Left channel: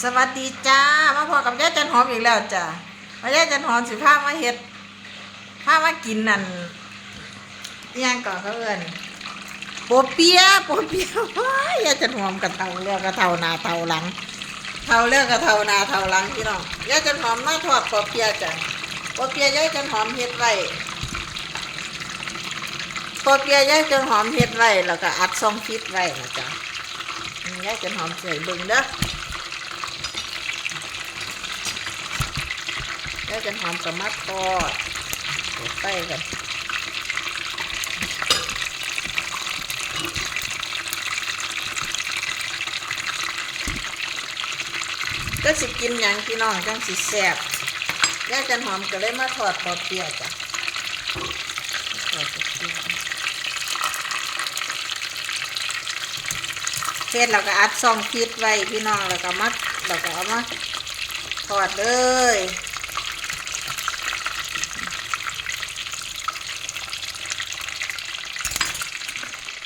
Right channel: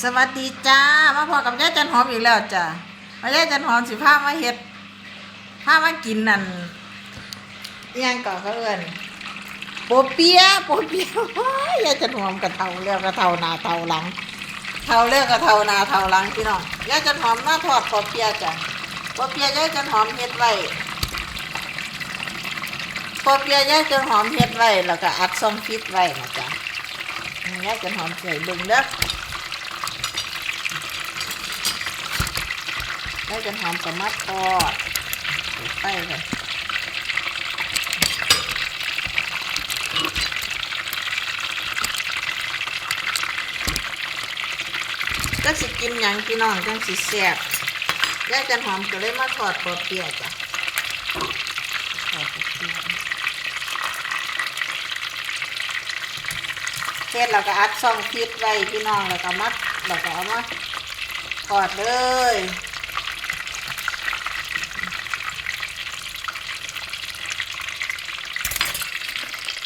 สวัสดีจ้า มาพอกับยายจันหอมอีกแล้วจ้ามาย่ายจันหอมสิพามาเฮ็ดพามากินนั่นอิหยังก่อนเขาเอิ้นโปเปียะโปเปียะว้ายยายจันหอมกระเทาเลือกกระเทานาเทาหลัง เทาเลือกกระเทานาเทาหลังพี่น้องยายจันหอมหน้าทอดโปเปียะจ้ะโปเปียะยายจันหอมเฮ็ดไว้โปเปียะยายจันหอมเฮ็ดไว้แล้วก็อัดซองฟิตไว้นะจ้ะอืมยายจันหอมใส่เบิ่งเด้อ แล้วจะหอมกับมัดทอดใส่กันก็สิกินหยังพี่น้องจังสิแซ่บแล้วจะหอมก็เลยมาทอดปอเปียจ้ะเปียะเสร็จเราก็อัดซองพิษไว้พี่น้องแล้วก็มัดแล้วก็เอามาทอดเลย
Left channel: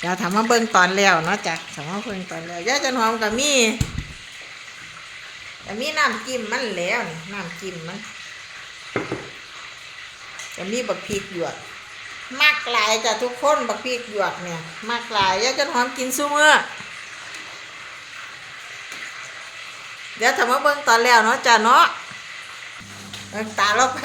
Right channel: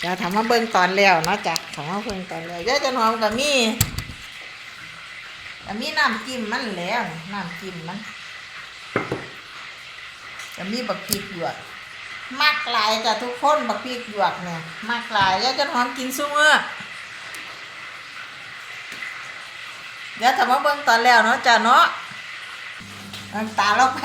เดี๋ยวถามว่าเบิ่งตอนแล้วเนาะจ้ะถามว่าเบิ่งตอนแล้วยาจันหอมกับมีกับมีน้ำจิ้มมันแล้วน้ำจิ้มมันกับมีบักพริกหยวกมากลายจ้ะทุกคนบักพริกหยวกเนี่ยมากลายยาจันหอมกินซุมื้อเดี๋ยวถามว่าเบิ่งตอนแล้วเนาะจ้ะเนาะมันตาเราไป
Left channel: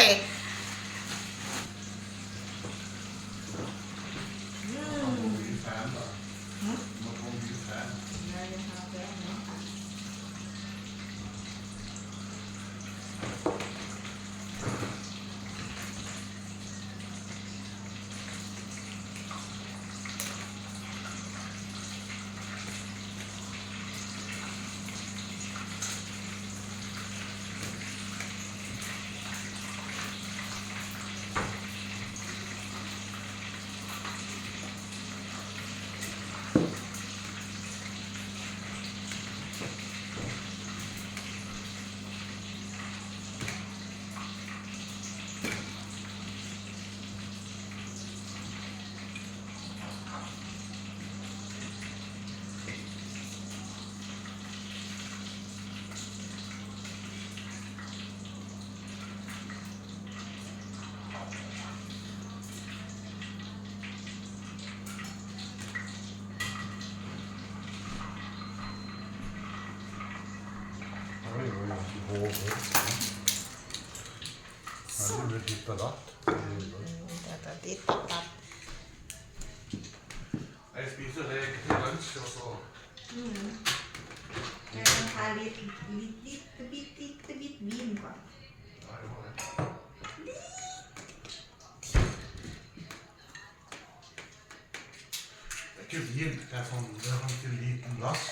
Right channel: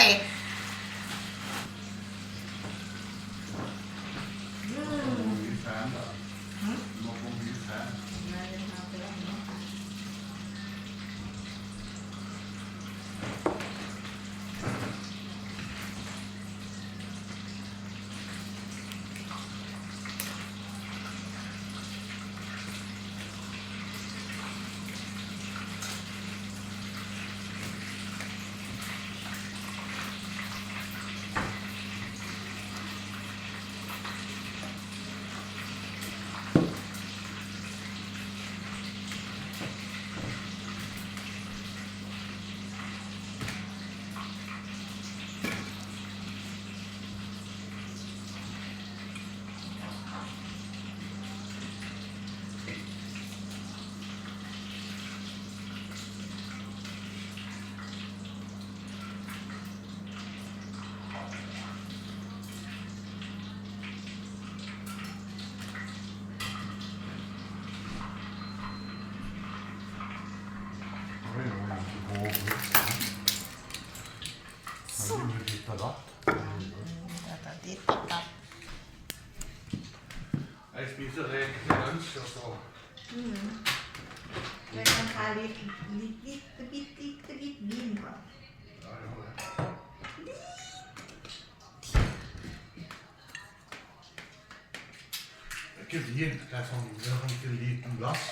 ikke vin. Det er familier som ikke liker glass.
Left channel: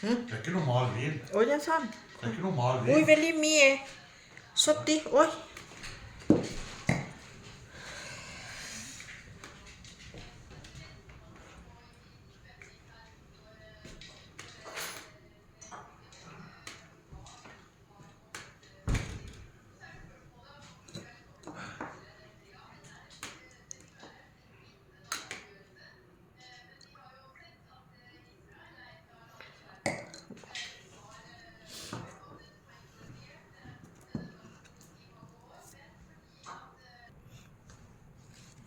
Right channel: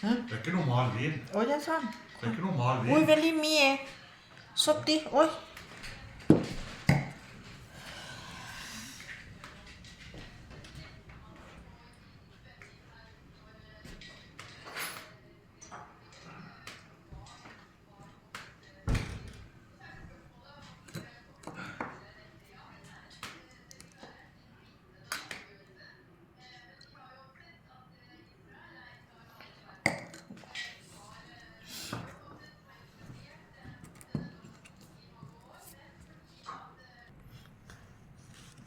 Hm? Det er ikke normal vin. Olha só. Det er ikke normal vin. Oi, veldig mye. 70 år.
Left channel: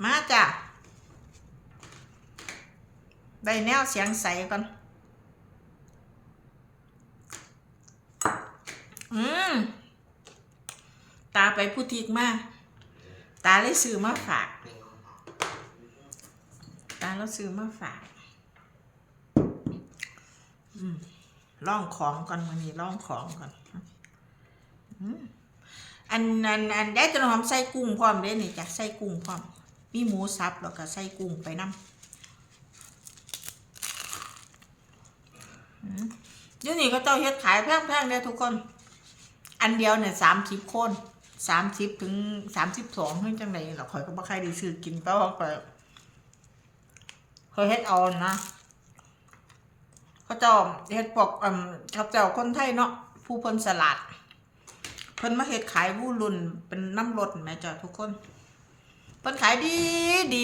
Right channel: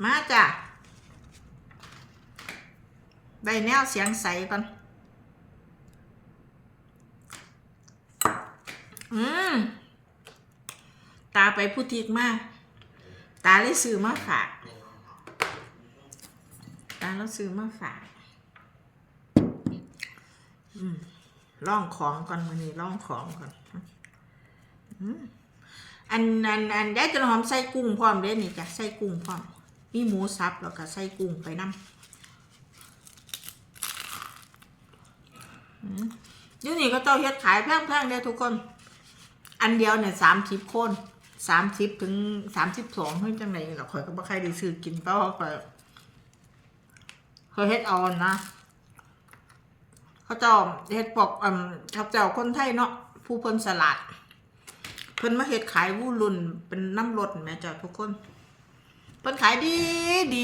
มาจ้ะได้แนวเสียงใสก่อน อืม ตาไปพูดทีกมาก ตาเลยซื้อมาฝาก ตาเราซื้อมาฝาก อืมล่องของก่อนมันนี้ล่องของก่อน อืมอันอันอันได้ต้นหอมใส่กุ้งพร้อมเด้นี่จ้ะใส่กุ้งพร้อม มีหมูสับแล้วก็ใส่กุ้งไปน้ำอืมเดี๋ยวนี้ก็เจ้าเฮ็ดขายแพงๆเด้อทุกคน อันเดียวเนี่ยสามสิบคนสามสิบถึงสามสิบสองเพิ่งจังไหนหรอกข่อยก็บ่ใครได้ซื้อกินเพราะว่าข่อยเคยเฮ็ดเอานะเขาเจ้าเฮ็ดปอกอืมเขาเจ้าคนไทยเนาะผู้เพิ่นสลัด เพิ่นมาเฮ็ดขายวูรุ่นเป็นน้ำรถแม่จ้ะทุกคน เพิ่นขายดีดี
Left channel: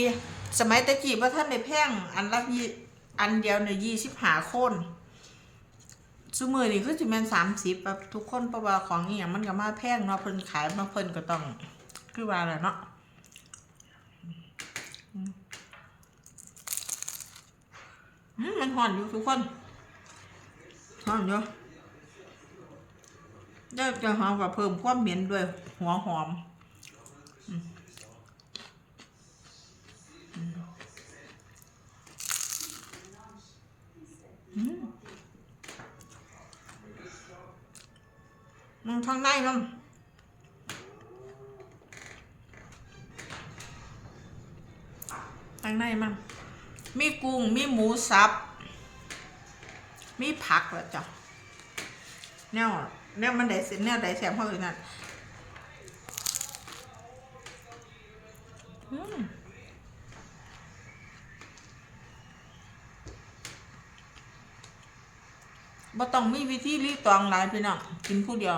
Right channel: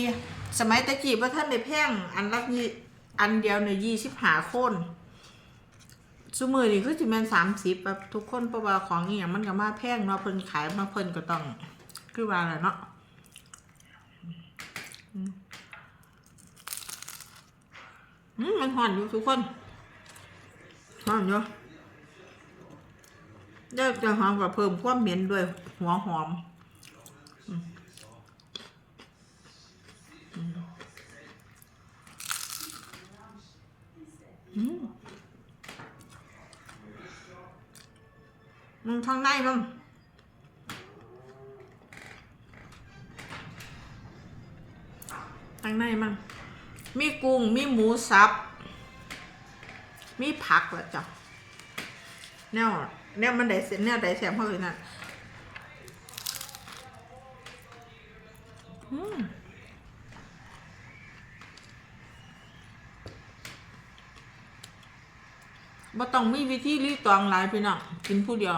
สมัยตะกี้ว่าท่านในแพ่งอันละยี่อันเดียวในยี่สิบหาคนซุมือนี่คือสิแมนสามสิบแบบทุกคนเพระว่าของอีหยังมันก็มาแพงเนาะเพิ่นขายมาเพิ่นก็ต้องคือว่าแหละเนาะอืมมันหอนอยู่ทุกคนหอนอยู่ได้จะหอมกับเพิ่มความเหม็นด้วยหัวหอมอ มึงทางในมั้งข้างในมันมีกุ้ง มีหมูสับ มีผักแล้วจ้ะแนวแนวมันได้เสียแนวได้แสบเพราะเลยนั่นอื บ่ต้องมีวิธีรีตองหลายพี่น้องกินผู้เดียว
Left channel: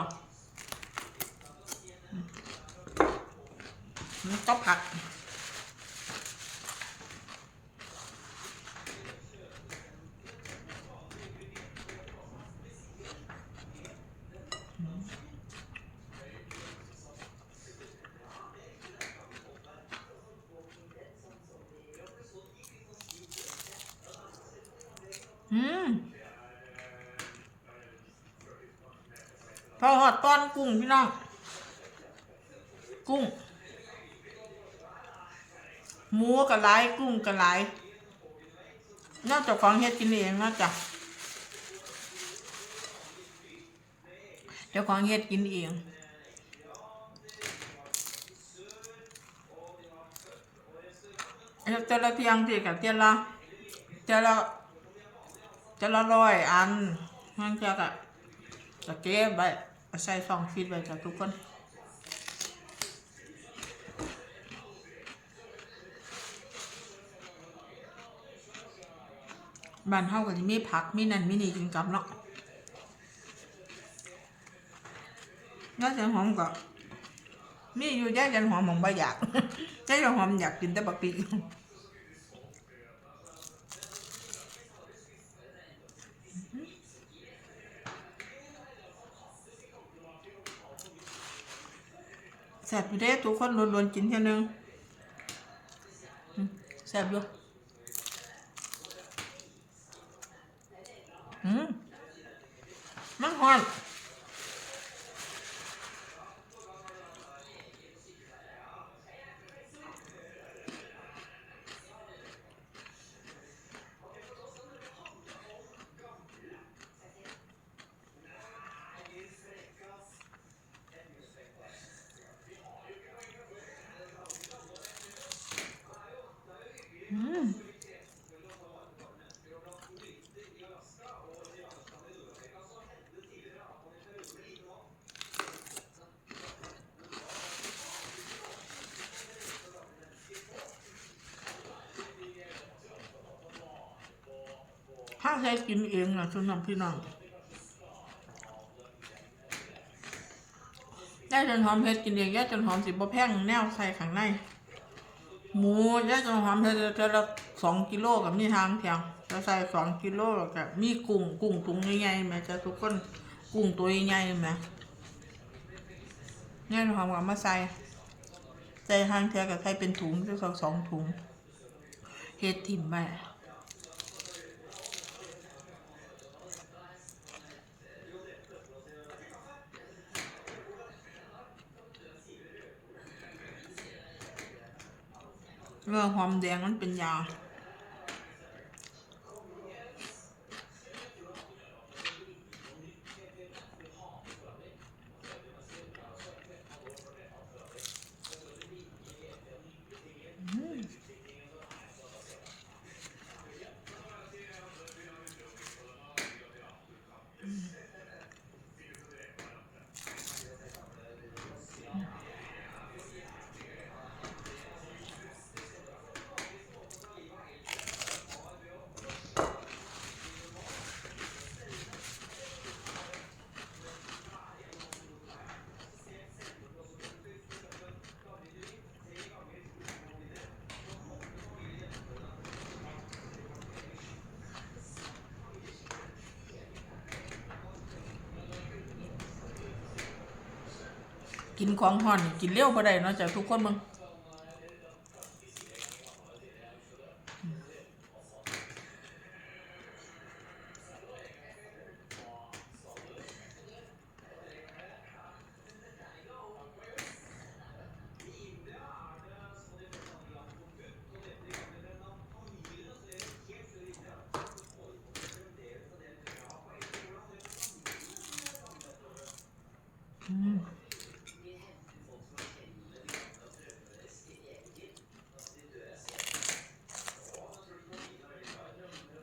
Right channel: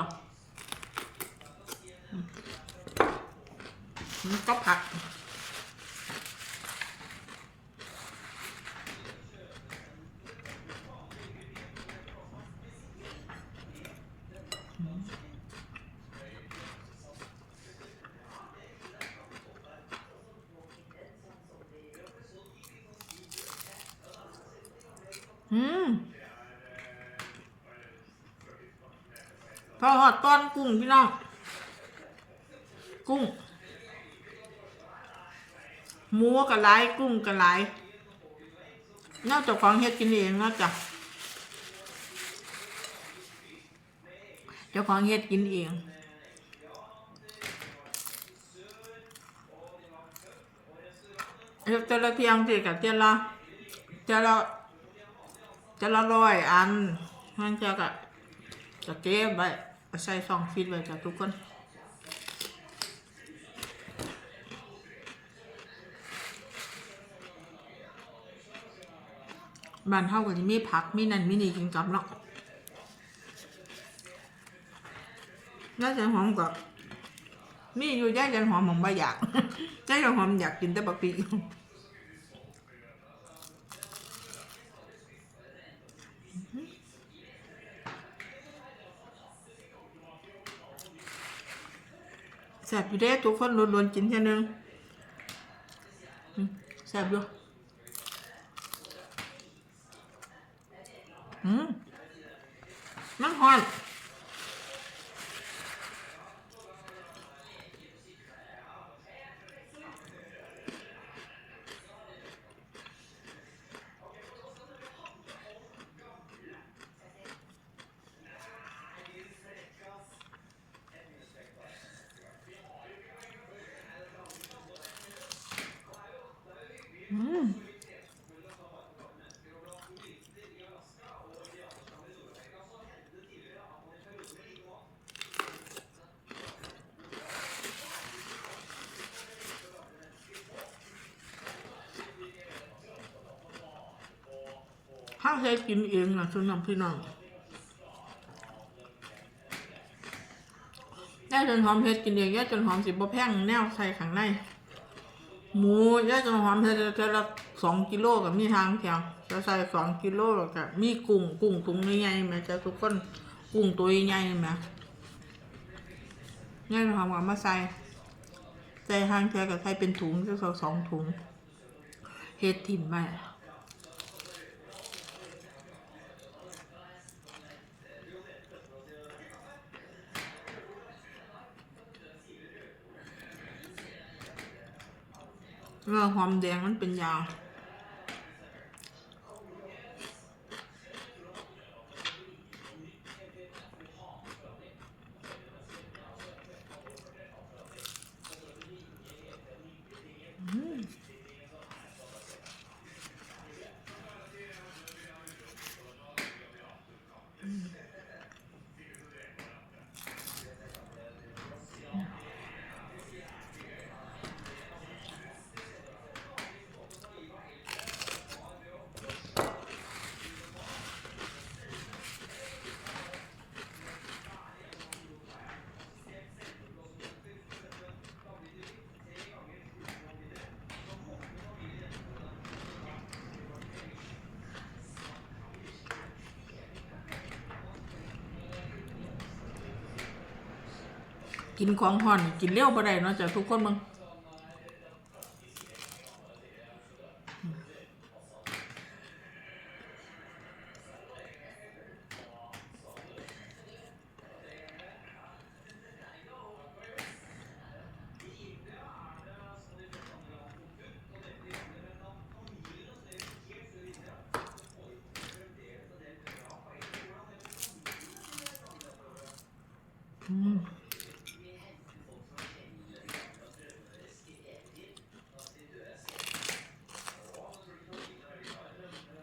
นี่ก็ผักอืม พอหอดต้อนกุ้งพี่น้อง กุ้ง หมูกระไรกุ้งกระไรนอกจากของเฮ็ดกินเองนอกจากเจ้าของเฮ็ดกินเองแต่ละเทียงคือกับเที่ยละเที่ยละจะละร้อยอันมันจะกะจะเก็บไว้ เอาใส่ซองฟิตไว้กับทุกคนบ้านเฮาก็สิมีผัก มีนันมีนี่กินกับเนาะน่าจะหอมกว่ามีอยู่ย่าจันหอมผมบ่อยากย่าจันหอมอยากกินแต่บะปี แซ่บอยู่เด้ทุกคนล้วนๆกินแค่นึงแซ่บอยู่อืมมันหอืม ถ้าใช้กินเองนะสำหรับพี่น้องย่าจนหอมเฮ็ดกินเองย่าจนหอมสิบ่แพงแนวใส่ข้างในหมูย่าจนหอมเธอเธอละสองกิโลกับมีทางเพียงจะใส่สองกิโลกับมีกุ้งกุ้งถุงใหญ่ๆไหมจะทุกคนกุ้งตัวใหญ่ไหมย่าจนหอมกับมาใส่ใส่ทางเธอกับใส่เป็นถุงจะสองถุงเฮ็ดถิ่มไป เรื่องความแดงมันเป็นยา กินของห่อนกินเลี้ยวบ่ได้เนาะจ้ะทุกคนมึง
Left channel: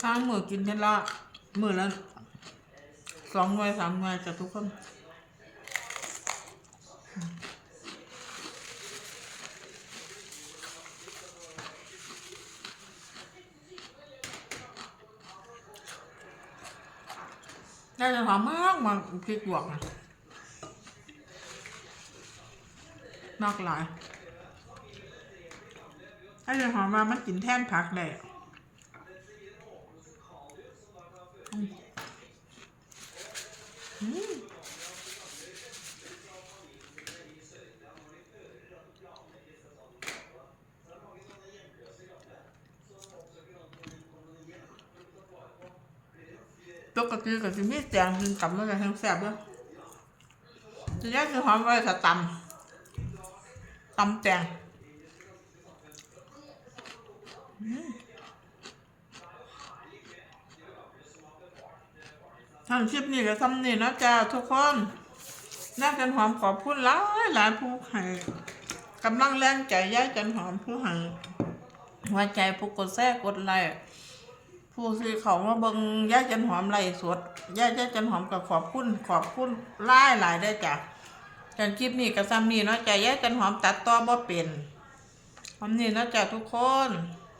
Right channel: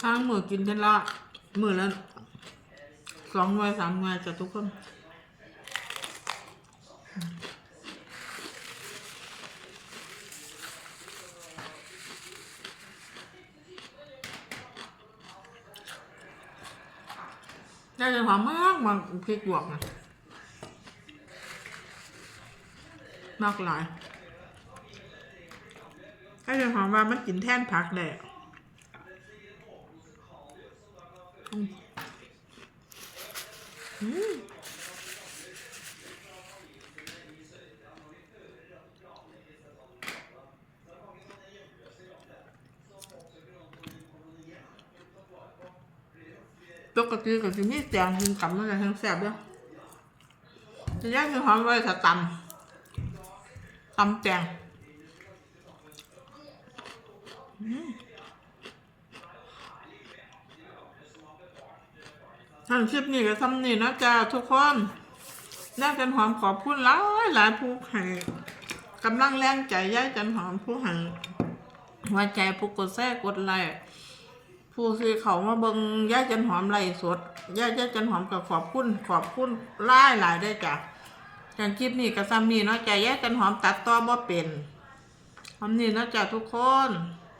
ทางมือกินเทนละมือละสองหน่วยสามหน่วยจะทุกคนได้จะหอมมากมาพริกหยวกนะมากหลายได้จะหอมมามันกินแท่นผักเลยอะอืมอืม ปกติก็จะมีแตงกินกับมันจะทั้งแซ่บด้วยจะแยกจะหอมไว้กับตำตำแตง ทางคลิปนี้ก็ทำนี่นะจ๊ะทุกคนย่ากันหอมขอบคุณหลายหลายผู้ให้กำลังแรงใจย่ายกันหอมผู้ให้หัวใจผู้กดแทรกกดไลค์ผู้ที่เขามาเบิงย่าจันหอมไล่สดย่าย่าจันหอมกับขอบคุณขอบคุณหลายหลายได้จ้ะแต่คลิปนี้กับซัมนี่นาะจ้ะย่าจันหอมตัดต่อบ่เป็นหอมนี่นาะจ้ะทุกคน